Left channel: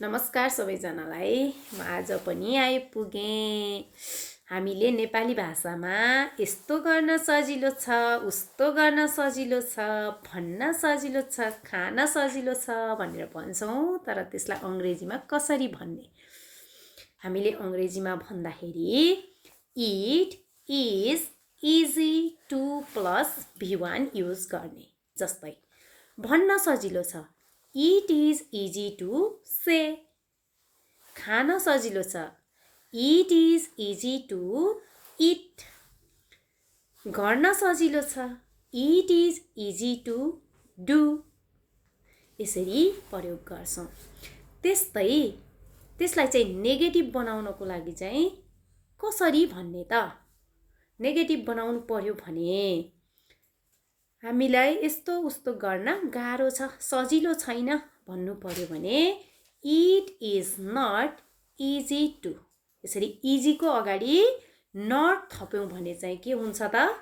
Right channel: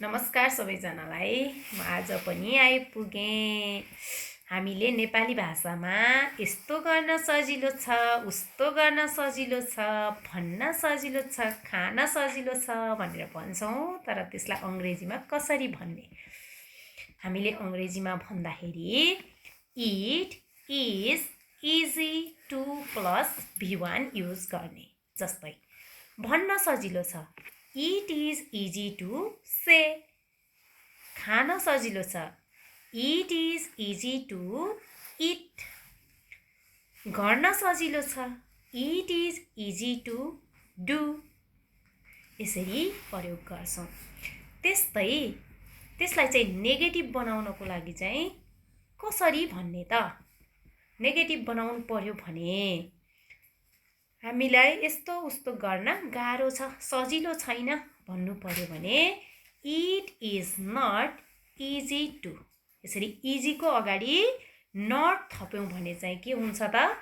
नमस्कार सबैजनालाई। म आज पनि आइपुगेँ। हामीले नेपाली भाषामा यस्तो गर्न सजिलो छ, उस्तो गर्न सजिलो छ, भन्न सजिलो छ, खान सजिलो छ भनेर भन्छौँ, तर त्यसलाई अङ्ग्रेजीमा कसरी भन्ने? हामीले अङ्ग्रेजीमा भन्दाखेरि it is easy to plus V1 use गर्ने। जस्तै भन्न सजिलो छ, it is easy to say. खान सजिलो छ, it is easy to eat. गर्न सजिलो छ, it is easy to do. यसरी प्रयोग गर्छौँ। त्यसलाई चाहिँ नेगेटिभ बनाउनको लागि चाहिँ कसरी भन्ने त? नेगेटिभ बनाउनु पर्यो भने हामीलाई यस्तो उस्तो गर्न गाह्रो छ, सजिलो छैन भन्नु पर्यो भने it is not easy to. यसरी इजीको अगाडि नट थप्यौँ भने चाहिँ के हुन्छ त?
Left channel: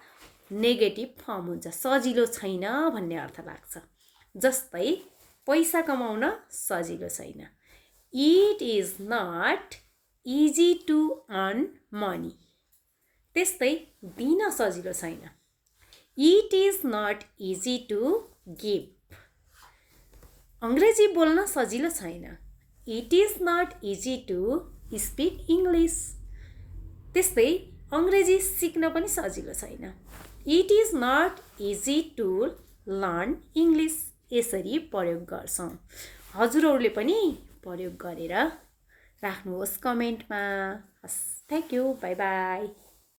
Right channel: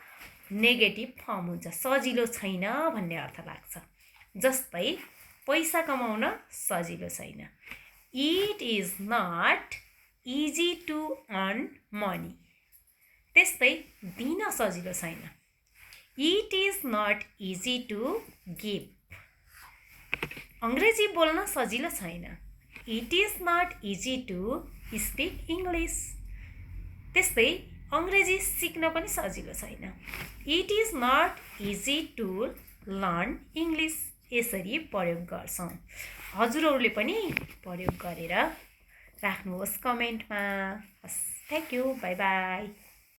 नेगेटिभ फर्म हुन्छ, सजिलो छैन भन्ने अर्थ लाग्छ। जस्तै पैसा कमाउन सजिलो छैन, it is not easy to earn money. त्यस्तै दिन सजिलो छैन, it is not easy to give. अङ्ग्रेजी बोल्न सजिलो छैन, it is not easy to speak English. त्यस्तै अङ्ग्रेजी सिक्न पनि सजिलो छैन, it is not easy to learn English. यसरी प्रयोग गर्छौँ। हजुरहरूले पनि प्रयोग गरेर राख्नुहोस् कमेन्टमा। हस्, थ्याङ्क यू, बाई बाई।